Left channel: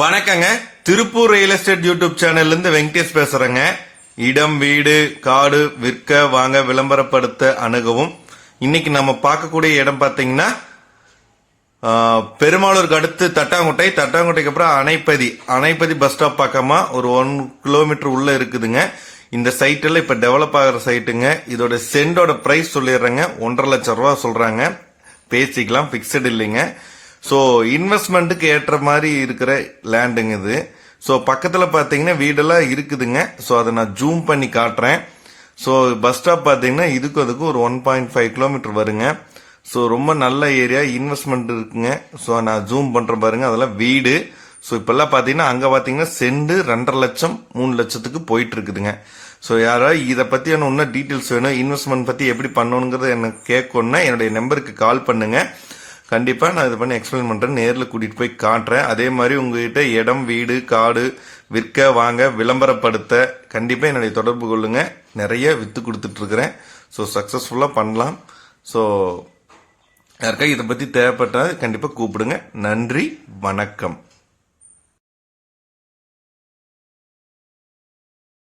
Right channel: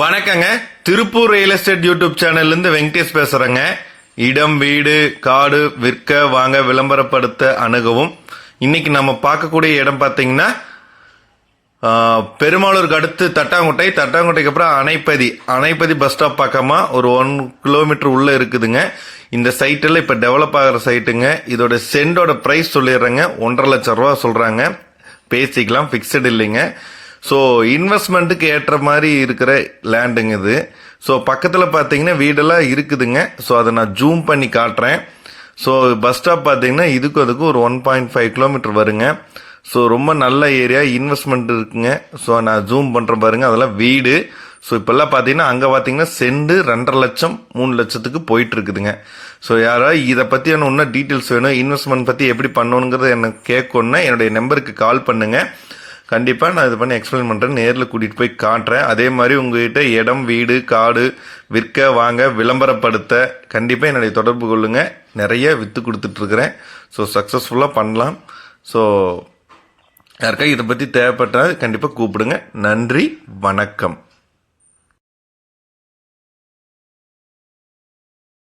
வணக்கங்க. Tiruppur real estate YouTube சேனல்ல இருந்து வெங்கடேஷ் பேசுறேங்க. இடம் வீடு காடு விற்க வாங்க விளம்பரப்படுத்த அணுகவும். இன்னைக்கு நம்ம பார்க்கக்கூடிய இடம் பார்த்தீங்கன்னா பெருமாளூருக்கு அடுத்து தட்டாங்குட்டை. தட்டாங்குட்டைக்கு அப்புறம் அணைப்பதி. அணைப்பதி பஸ் ஸ்டாப் பக்கமா ஒரு ஒன் கிலோமீட்டர் உள்ள இருக்குதுங்க. இந்த சைட்டில் இப்போ டெவலப் ஆகிற சைட்டுங்க இதோட சென்டோட ப்ரைஸ் சொல்லிடுறேங்க. ஒன்றரை லட்சம் ரூபா சொல்கிறாங்க பேசிக்கலாம் ஃபிக்ஸட் இல்லைங்க. ஸோ இன்வெஸ்ட்மெண்ட்டுக்கு ஏற்ற மாதிரி இருக்கிற லேண்டுங்க இது. ஸோ பக்கத்தில் பார்த்தீங்கன்னா வீடெல்லாம் இருக்குதுங்க. ஸோ அதை நான் ஜூம் பண்ணி காட்டுறேன். ஸோ பஸ் ஸ்டாப் பார்த்தீங்கன்னா இதுக்கும் அதுக்கும் ஒரு ஒன் பாயிண்ட் ஃபைவ் கிலோமீட்டர் வருங்க. ஸோ ரொம்ப நல்ல ஏரியா இன்வெஸ்ட்மெண்ட் இருக்குங்க. ஸோ நான் ஜூம் பண்ணுறேன் பாருங்க. அதெல்லாம் வீடு. ஸோ இப்போல்லாம் பார்த்தீங்கன்னா அங்கே பார்த்தீங்கன்னா செண்டு ரெண்டரை லட்சம் மூணு லட்சத்துக்கு போயிட்டு இருக்குதுங்க ஸோ யாராவது இதை பற்றியான இன்னும் டீட்டெயில்ஸ் வேணும். இன்வெஸ்ட்மெண்ட் பற்றி எப்படி பண்ணணுங்கிறத எனக்கு கேட்கணுன்னா என்னுடைய நம்பருக்கு கால் பண்ணுங்க. கண்டிப்பாக நான் இது பண்ணி எக்ஸ்பிளைன் பண்ணுறேன் நேரில் கூட்டிகிட்டு போய் காட்டுறேன். அதே மாதிரி உங்ககிட்ட இடம் வீடு காடு விற்க வாங்க விளம்பரப்படுத்த கண்டிப்பாக என்னுடைய தொடர்பு கொள்ளுங்கள் நிறைய விற்று கொடுத்துட்ருக்குறேன் ஸோ சக்ஸஸ்ஃபுல்லாக பண்ணலாம். ஸோ யாருக்கா இதை பற்றி தேவைப்பட்டால் கண்டிப்பாக கூப்பிடுங்க. நன்றி வணக்கம்.